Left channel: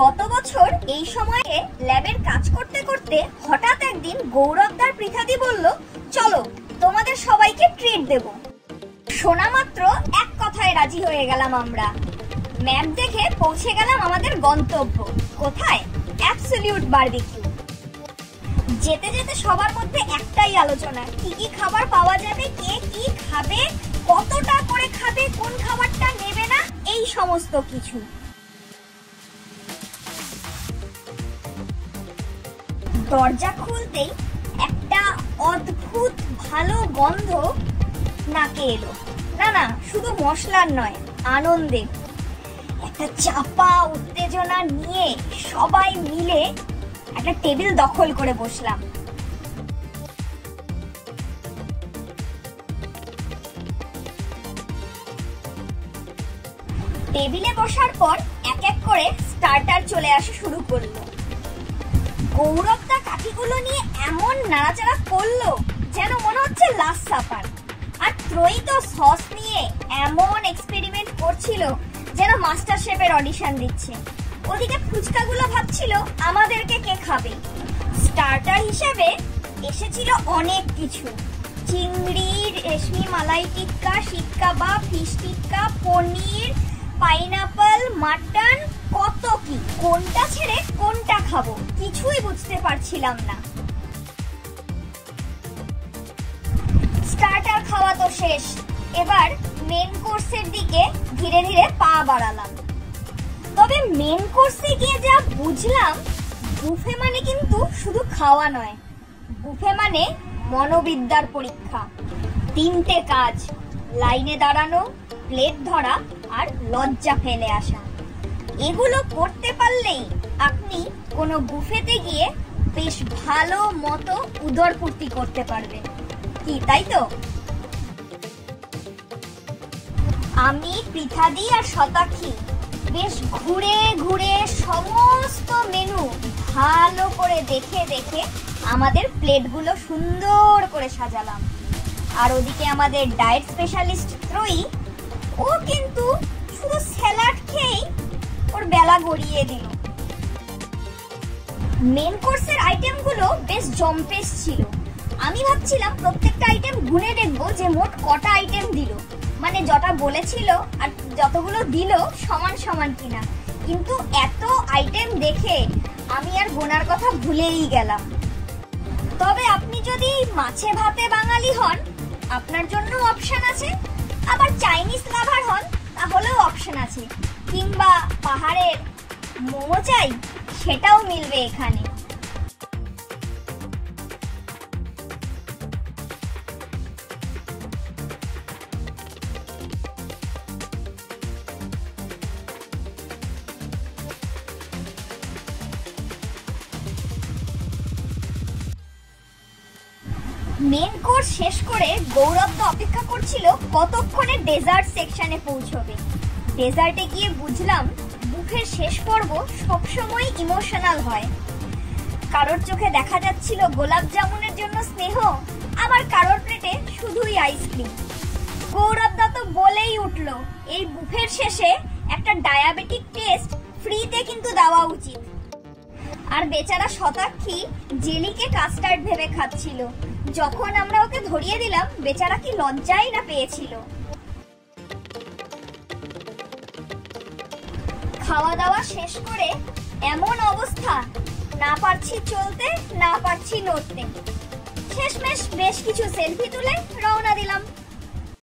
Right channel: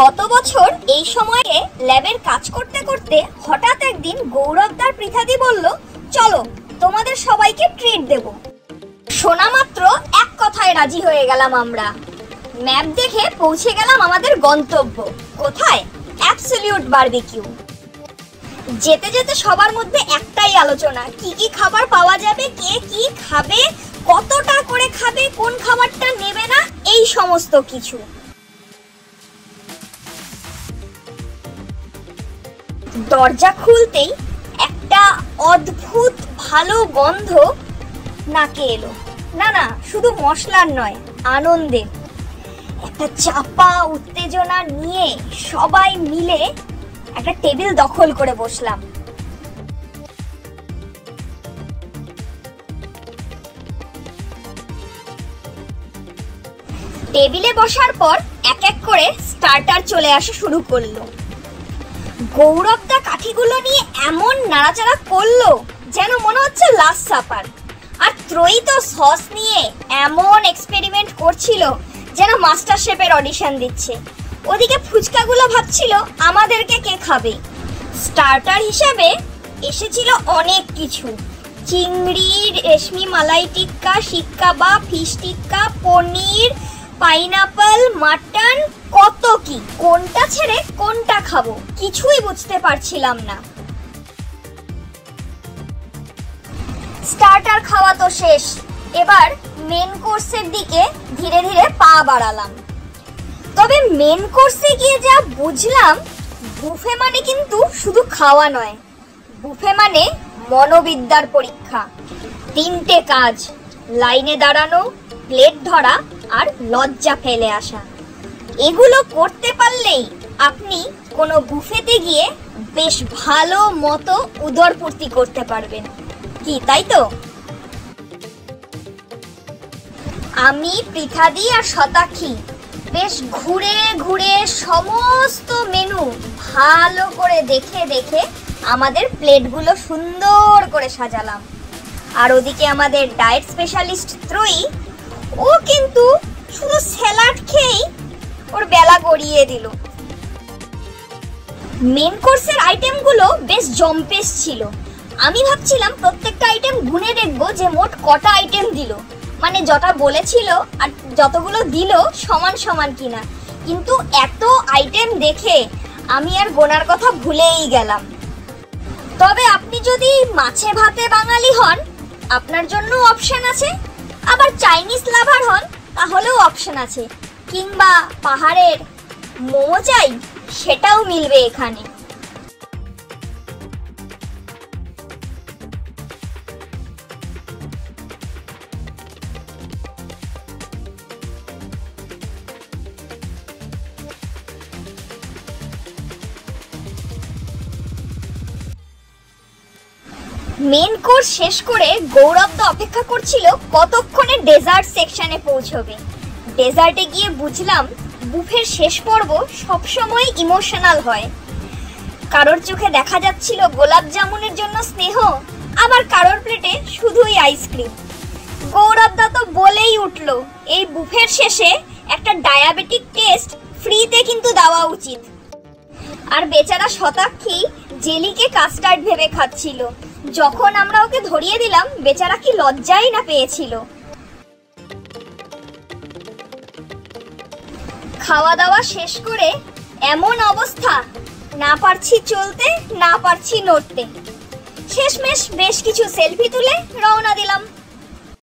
গত বছর এই সময়ে ল্যাবের কাজ করতে করতে হঠাৎ একদিন গৌরবদার পৃথাদি বলল, চলো তোমাদের সবাইকে ট্রিট দেব। শোনা মাত্র এক কথায় রাজি হয়ে গেলাম আমরা। ম্যাপ দেখে পৌঁছে গেলাম আমাদের গন্তব্য। কোথায়? Absolute barbecue. যেতে যেতে সবার মধ্যে একটাই আলোচনা, কি কি খাবার পাওয়া যাবে, কে কি খাবে, কতটা করে খাবে, কোন খাবারটা নেবে না, এই সমস্ত কিছু। দরজা খুলতেই একটা অদ্ভুত ভালো গন্ধ নাকে এলো। না না, শুধু মশলার নয়, আনন্দের। একটা চাপা উত্তেজনা নিয়ে সবাই মিলে একটা টেবিল দখল করে বসলাম। টেবিলে বসার পর এক এক করে স্টার্টার চলে আসা শুরু করলো। গৌরবদা কাঠিগুলো নিয়ে এমন নাড়াচাড়া করলো যেন মনে হচ্ছে লাস্ট সাপার। আর ত্রয়ী তো সস নিয়ে এমন এক্সপেরিমেন্ট করছিল যেন মাস্টার শেফের অডিশন দিচ্ছে। ওদিকে ফুচকাগুলো ভাবছিল আমাদেরকে কে খাবে। স্টার্টার হিসেবে এসেছিল অনেক কিছু, চিংড়ি, রেশমি মালাই টিক্কা, শিক কাবাব, ফিশ টিক্কা, পনির, পাইনাপল, মাটন, কত কি। কোনটা ছেড়ে কোনটা খাবো কিছুই বুঝতে পারছিলাম না। স্টার্টার খাওয়া তো শেষ, এবার মেন কোর্সের দিকে ধীরে ধীরে পা বাড়ালাম। তবে মেন কোর্সে গিয়ে যা বুঝলাম, বুফে মানে কিন্তু শুধু খাওয়া নয়, বুফে মানে মনোবিদ্যার পরীক্ষা। 3টে কাজ, লাইনে দাঁড়ানো, প্লেট ধরা আর লজ্জা ফেলে আসা। এগুলো করতে পারলেই আপনি কোনো বুফেতে গিয়ে বেশ ভালো মতো উদরপূর্তি করতে পারবেন। কি তাই তো? আমি, পৃথাদি আর শতাক্ষী বেশ ঘুরে ঘুরে সমস্ত মেনু ভালো করে দেখে দেখে আমাদের প্লেটগুলো সুন্দর করে সাজালাম। আর ওদিকে আমাদের ডায়েট স্পেশালিস্ট ত্রয়ী, ও কিন্তু শুধু স্যালাড খেয়েই ওর বেলা গড়িয়ে দিল। মেন কোর্সের আইটেমগুলো বেশ জম্পেশ ছিল। আমি ভাবছিলাম প্রত্যেকটা আইটেম গুনে দেখবো যে মোট কটা আইটেম দিল, মানে যটা বলেছিল আর যতগুলো দিল সমান সমান কিনা। কিন্তু এত আইটেম দেখে আমি আর গোনার কথা ভুলেই গেলাম। তবে আপনি যদি মাছে ভাতে বাঙালি হন, আপনার জন্য অপশন আছে। আবার চাইনিজ লাভার হন, তাহলেও অপশন আছে। কিংবা পাহাড়ের মোমো চাই, সেটাও মিলবে এখানে। মেন কোর্স শেষ করে গৌরবদা অপেক্ষা করছিল কতক্ষণে ডেজার্ট সেকশনে পৌঁছবে। ডেজার্টে গিয়ে বুঝলাম বুফের শেষ পর্ব সবসময় ইমোশনাল হয়। কারোর চোখে দেখা যাচ্ছিল গোলাপ জামুনের জন্য স্নেহ, আবার কারোর প্লেটে শুধুই আইসক্রিম। গৌরবদা তো বলেই উঠলো, এই বুফের শেষে একটা ডায়াবেটিক টেস্ট ফ্রিতে কিন্তু দেওয়া উচিত। আর বেচারা শতাক্ষী জেলিকে কাস্টার্ড ভেবে খাচ্ছিল। যখন আমরা ওকে ধরিয়ে দিলাম, বেচারা কি লজ্জাই না পেয়েছিল। খাওয়া দাওয়া শেষ করে এমন অবস্থা, না পারছি চলতে, না পারছি নড়তে। শেষমেশ বেশ কিছু সেলফি তুলে রওনা দিলাম।